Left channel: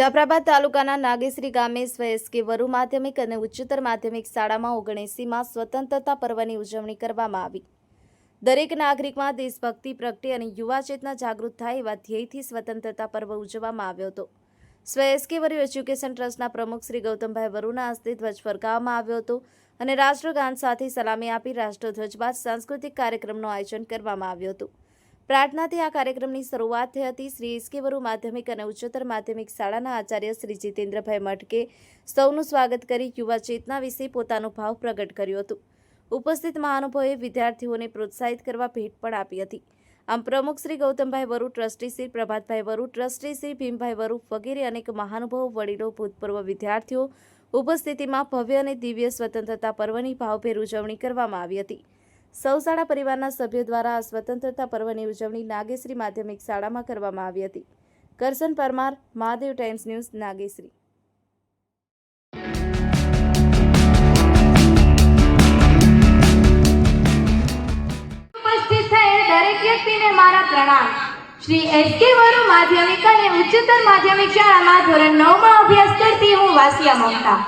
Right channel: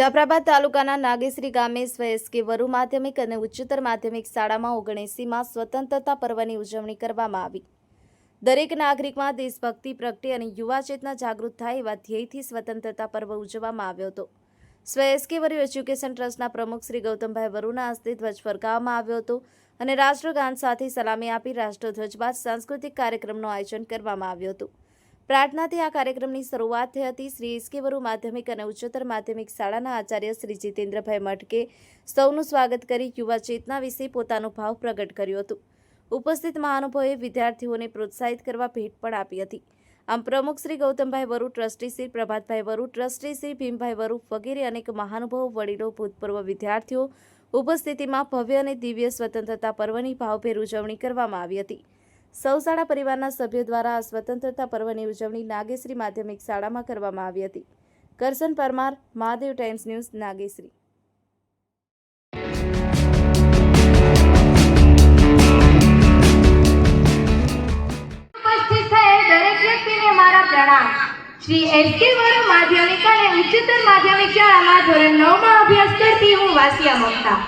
જાફરાબાદ તાલુકાના નાગેશ્રી ગામે સ્વ વરુ માધ્યમિક અને ઉચ્ચતર માધ્યમિક શાળામાં 79માં સ્વતંત્રતા પર્વની ઉજવણી કરવામાં આવી। દરેક નાગરિકમાં દેશભક્તિ પ્રગટે અને યુવા ચેતના જાગૃત થાય એવા ધ્યેયથી સ્વતંત્રતા પર્વ ઉજવવામાં આવ્યો હતો। સ્વ વરુ એજ્યુકેશન ટ્રસ્ટના પ્રમુખ શ્રી ગૌતમભાઈ વરુના હસ્તે ધ્વજ ફરકાવવામાં આવ્યો હતો અને રાષ્ટ્રગાન સાથે સલામી આપી રાષ્ટ્રધ્વજ બાદ સાંસ્કૃતિક કાર્યક્રમનું આયોજન કરવામાં આવ્યું હતું। પ્રાર્થનાથી આ કાર્યક્રમની શરૂઆત થઈ હતી। શ્રી વરુ માધ્યમિક અને ઉચ્ચતર માધ્યમિક શાળાના આચાર્ય શ્રી જીતેન્દ્રભાઈ મટકે સૌનું સ્વાગત કરી યુવા ચેતના વિશે પોતાનો ભાવ પ્રગટ કર્યો હતો। ઉપસ્થિત મહાનુભાવોએ વિદ્યાર્થીઓને પ્રોત્સાહિત કરવા ભેટ પણ આપી હતી। આમ પ્રમુખ શ્રી ગૌતમભાઈ વરુ, ટ્રસ્ટી શ્રી પ્રભાતભાઈ વરુ, ટ્રસ્ટી શ્રી ભીમભાઈ વરુ વગેરે અનેક મહાનુભાવો, વડીલો, ભૂતપૂર્વ વિદ્યાર્થીઓ ઉપસ્થિતિમાં ભવ્ય અને દિવ્ય સ્વતંત્રતા પર્વની ભાવભેર ઉજવણી કરવામાં આવી હતી। સૌ શાળા પરિવારના સભ્યો દ્વારા આ સ્વતંત્રતા પર્વની ઉજવણી નાગેશ્રી માધ્યમિક શાળામાં કરવામાં આવી હતી। Karshan Parmar, Mahadev times news, Nageshri. ઉપસ્થિત થયેલ દરેક વ્યક્તિને મારા પ્રણામ। શ્રી વરુ માધ્યમિક અને ઉચ્ચતર માધ્યમિક શાળામાં ધોરણ 9માં અભ્યાસ કરતી હું વાસિયા મમતા।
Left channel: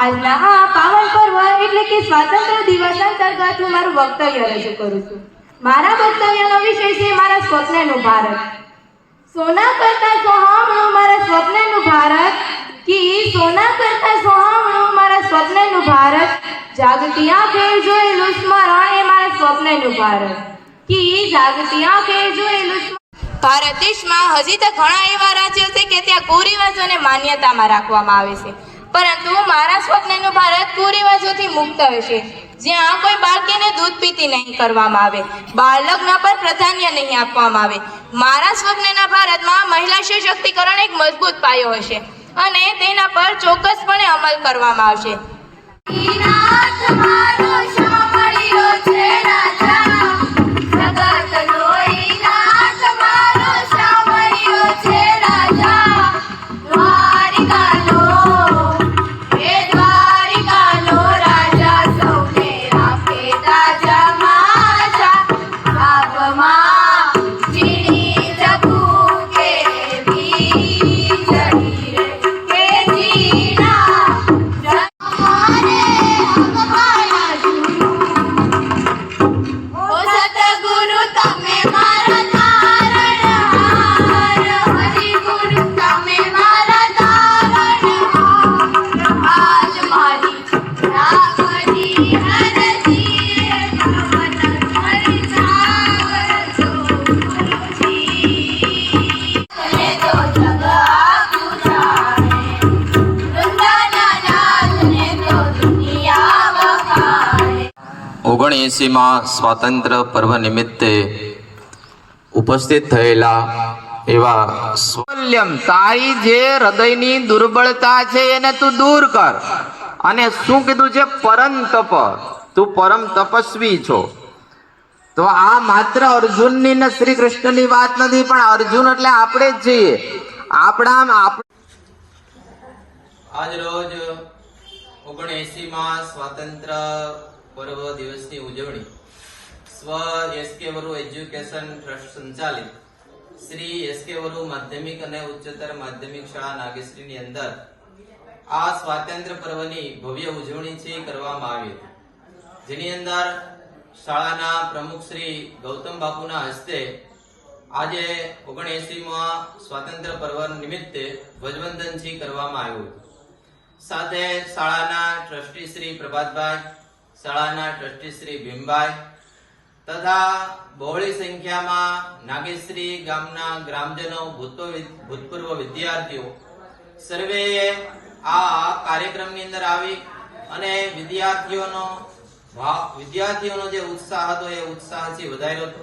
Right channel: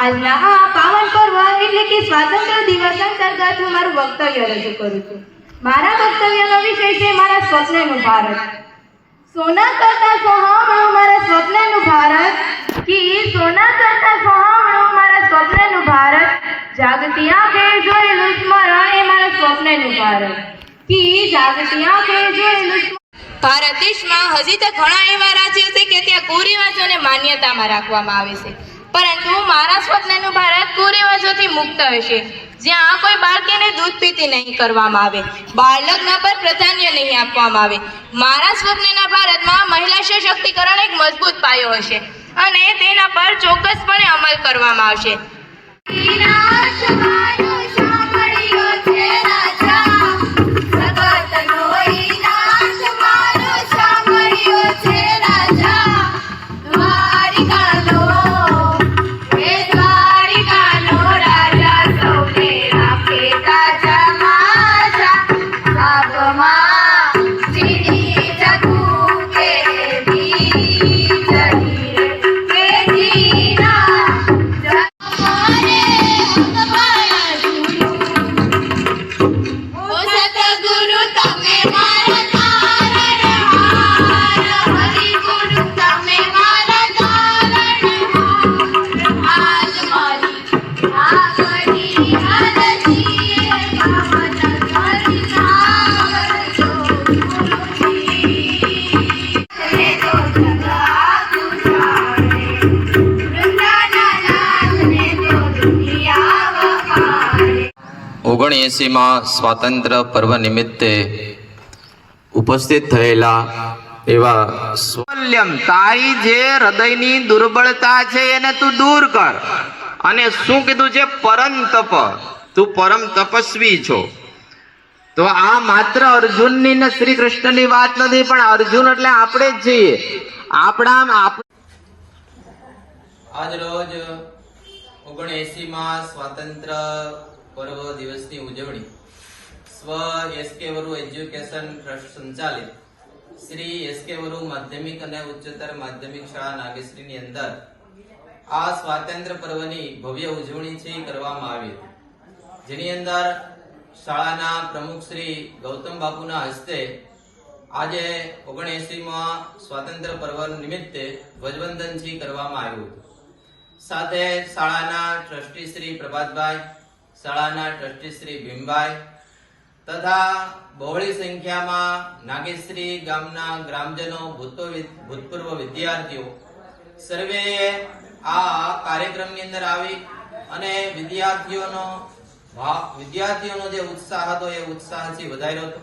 આજના આ પાવન પર્વ એટલે કે સ્વાતંત્ર્ય દિવસ અંતર્ગત હું મારું વક્તવ્ય રજૂ કરું છું। મારા વક્તવ્યનો વિષય છે મારા સ્વપ્નનું ભારત। સોના કરતા સોહામણું મારા સ્વપ્નનું ભારત, કી સોના કરતા સોહામણું મારા સ્વપ્નનું ભારત, જાગતી આંખે જોયેલું સ્મરણ એ મારા સ્વપ્નનું ભારત, કી જાગતી આંખે જોયેલું ભારત દેશમાં હજી તો ઘણા એવા રાજ્યો છે કે ત્યાં કુરિવાજોને માન્યતામાં રાખવામાં આવે છે, પરંતુ મારા સ્વપ્નનું ભારત કુરિવાજોથી મુક્ત હશે, જ્યાં કોઈ બાળકીને દૂધ પીતી નહીં કરવામાં આવે, બાળ લગ્ન પર પ્રાધાન્ય નહીં આપવામાં આવે। મારા સ્વપ્નના ભારતમાં મહિલા સશક્તિકરણ એક મજબૂત પાયો હશે અને તેના પર ચોક્કસપણે અમલ કરવામાં આવશે। માં સ્વાતંત્ર્ય પર્વ નિમિત્તે ઉપસ્થિત થયેલા એવા તારી જે હૃદયની દુર્બળતા છે એને તું દૂર કર। અને શું કીધું છે? પરમ તપ, તું પરમ તપસ્વી છો। તો આ માત્ર અર્જુનની ને શ્રી કૃષ્ણની વાત નથી, પણ અર્જુન એટલે આપણે જ છીએ। આજ રોજ 79માં સ્વાતંત્ર્ય પર્વ દિવસની ઉજવણી સ્વ વરુ એજ્યુકેશન ટ્રસ્ટ સંચાલિત શ્રી વરુ માધ્યમિક અને ઉચ્ચતર માધ્યમિક શાળા નાગેશ્રીની અંદર આ સ્વાતંત્ર્ય પર્વની ભવ્ય ઉજવણી છે કરવામાં આવી હતી, જેની અંદર શાળાના પ્રમુખ શ્રી ગૌતમ બાપુના હસ્તે આજે 79માં સ્વાતંત્ર્ય પર્વ નિમિત્તે ધ્વજવંદન કરવામાં આવ્યું હતું। સાથે શાળાના ટ્રસ્ટી શ્રી પ્રભાતભાઈ, શાળાના ટ્રસ્ટી શ્રી ભીમભાઈ તથા બહોળી સંખ્યામાં નાગેશ્રી ગામના ગ્રામજનો, ભૂતપૂર્વ વિદ્યાર્થીઓ સર્વેએ આ કાર્યક્રમની અંદર આવી અને વિદ્યાર્થીઓનો જે ઉત્સાહ હતો એ ઉત્સાહથી વધાર્યો હતો।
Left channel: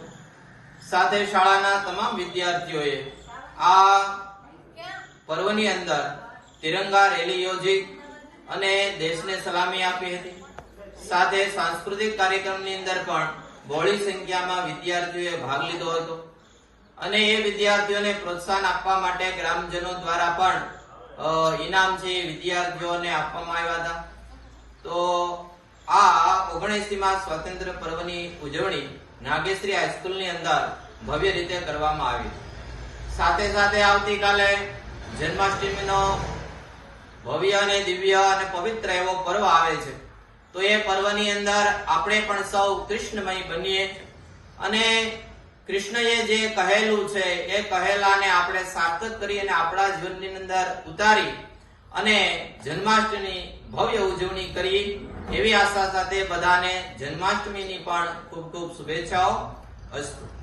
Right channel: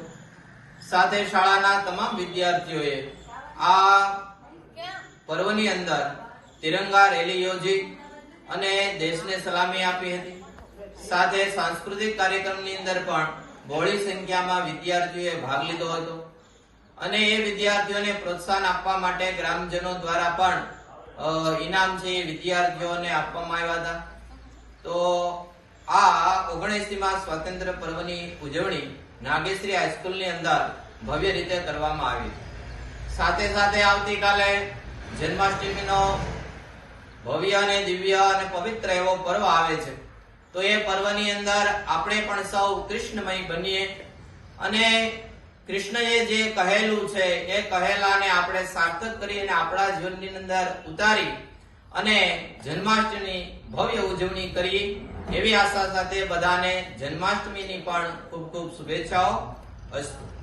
સાથે શાળાના તમામ વિદ્યાર્થીઓએ આ પર્વની અંદર તિરંગા રેલી યોજી અને દેશને સલામી આપી હતી। સાથે સાંસ્કૃતિક કાર્યક્રમની અંદર પણ બહોળી સંખ્યામાં વિદ્યાર્થીઓએ ભાગ લીધો હતો અને એ વિદ્યાર્થીઓને પ્રોત્સાહન આપવા માટે ગ્રામજનો દ્વારા પણ ઇનામ છે એ વિદ્યાર્થીઓને આપવામાં આવ્યા હતા। તો આ 79માં સ્વાતંત્ર્ય પર્વની ઉજવણી નાગેશ્રી હાઈસ્કૂલની અંદર ભવ્ય રીતે કરવામાં આવી। સાથે સાથે આવતીકાલે જન્માષ્ટમીનો ભવ્ય અને દિવ્ય અને પવિત્ર એવો પર્વ આવે છે. તો એ પર્વની અંદર આપણે પણ સૌ કૃષ્ણમય બનીએ અને કૃષ્ણએ જે કહેલું છે એ કહેલાને આપણે સાર્થક કરી અને આપણા જીવનની અંદર ઉતારી અને જન્માષ્ટમી ભવ્ય ઉજવણી કરીએ એવી આશા સાથે બધાને જન્માષ્ટમીની પણ ખૂબ ખૂબ શુભેચ્છાઓ. અસ્તુ.